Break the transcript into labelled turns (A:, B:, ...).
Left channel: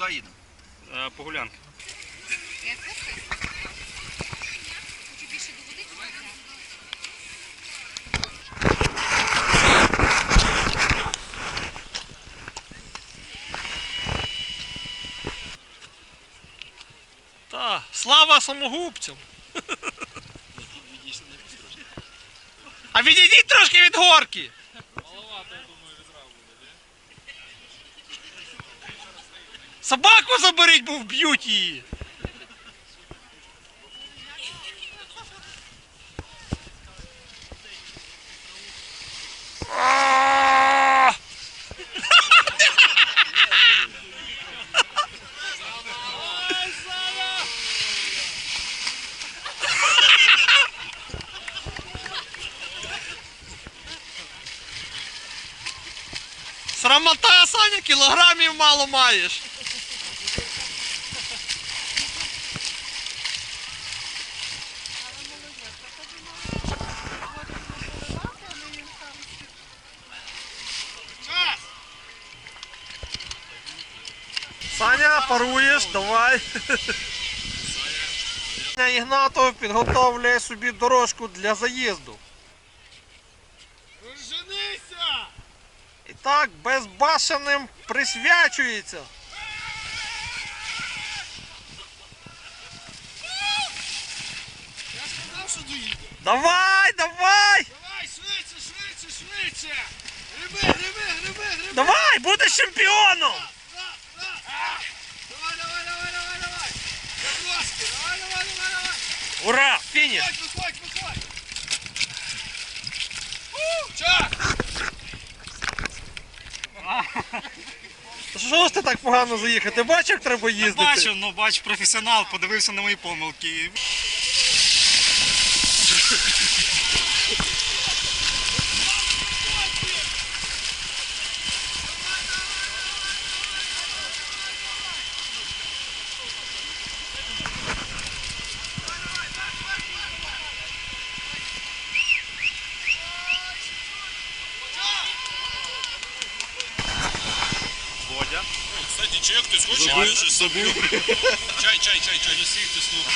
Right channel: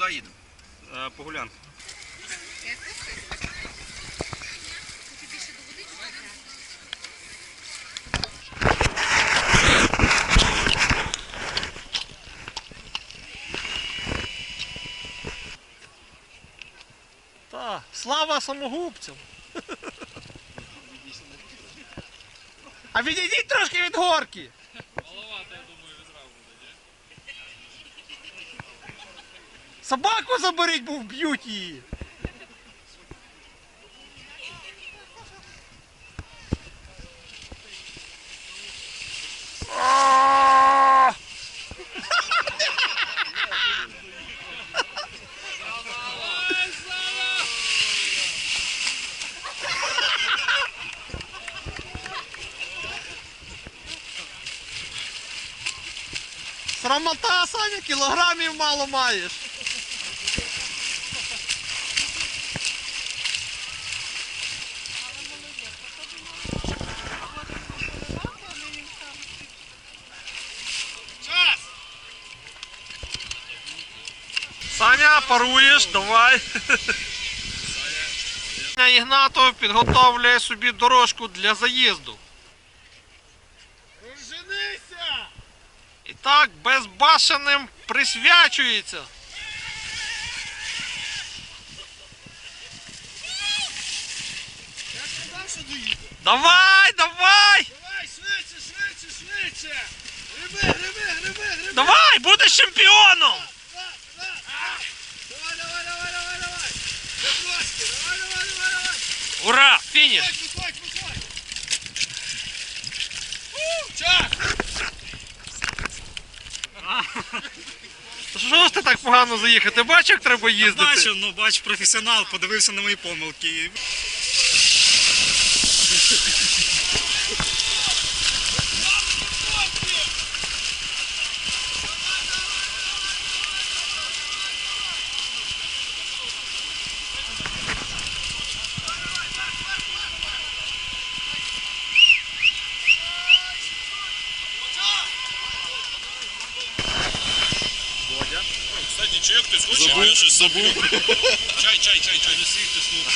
A: Куди їдемо?
B: Е, Погулянки.
C: Та, слава самогубцям. А відійдіть трошки від горки. Собаку заберіть, бо вб'ють її. Срамота, Саня, кілограмів мало маєш. Саня, паруєш, давай. Саня Ігнатов підготовлює собі дорожку для заїзду.
D: Женися!
C: І так безбашеним присвячується.
D: Я сказав, що доїде.
C: Давай, давай!
D: Давай, швидше, швидше, швидше! Гриби, гриби, гриби, гриби!
C: Давай, будеш чемпіоном!
D: Да, да. Давай, давай, давай, давай, давай! Я трошки, давай, давай, давай, давай!
C: Ура! Фініш!
D: Виходь!
C: Що ж ти так погано заїхати? Бачиш, як треба їздити?
B: Бачив, ну бач, професіонал, подивився на мої помилки.
D: Чи хтось хоче, я щось заплю. Чай, чай, чай, чай. Несіть, тиснути.